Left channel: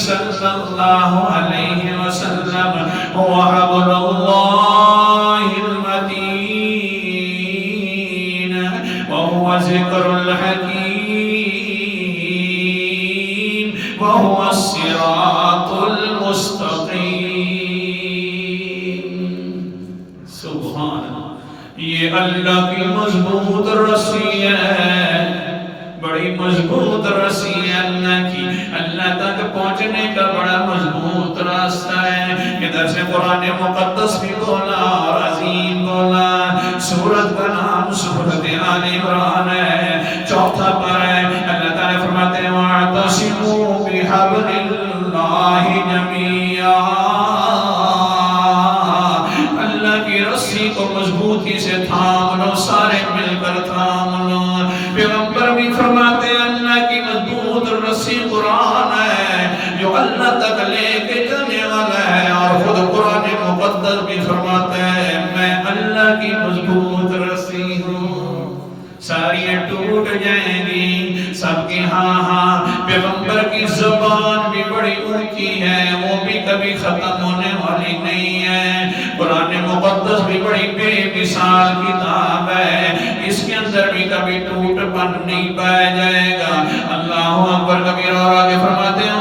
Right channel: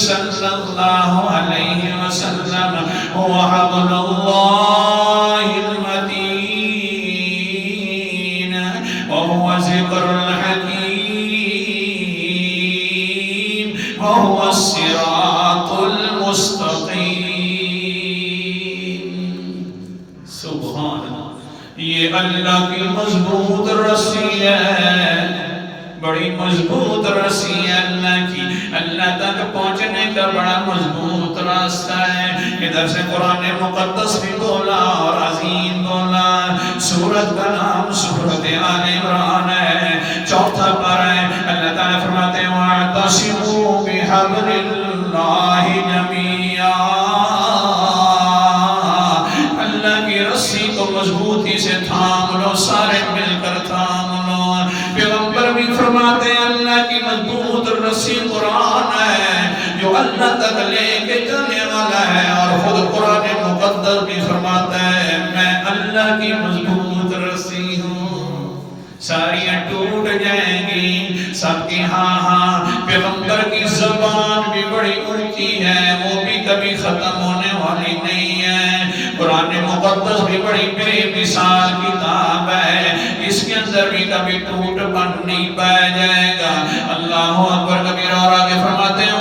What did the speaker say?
صلی اللہ علیہ وسلم هو حبل اللہ المتین وهو ذکر الحکیم وهو الصراط المستقیم. سبحان اللہ. یہ اللہ کی مضبوط رسی ہے، بڑی مضبوط رسی ہے اللہ کی. اللہ تک پہنچنے کا بڑا مضبوط راستہ ہے. ادھر سے قرآن مقدس بھی بولا اور عظیم بولا. سورت کا نام سورت آل عمران ہے، چوتھا پارہ ہے. اللہ تعالیٰ فرماتے ہیں وَاعْتَصِمُوا بِحَبْلِ اللَّهِ جَمِيعًا. اللہ کی رسی کو مضبوطی سے تھام لو، سارے مل کر تھام لو. پیغمبر بھی فرماتے ہیں اللہ کی مضبوط رسی قرآن ہے جو اللہ تک لے کے جانے والا ہے. اور خود قرآن مقدس بھی فرماتا ہے میں اللہ کی مضبوط رسی ہوں. ساریاں ٹوٹ جائیں گی سب کی ہاں ہاں. پیغمبر کی زبان بھی بڑی اونچی ہے، وہ بھی کبھی ختم ہونے والی نہیں ہے. قرآن مقدس بھی بڑی بے مثال کتاب ہے، اس کے اندر بھی کبھی ٹوٹ بن نہیں پائے جائے گا. اللہ اکبر کبیر. اور آگے فرماتے ہیں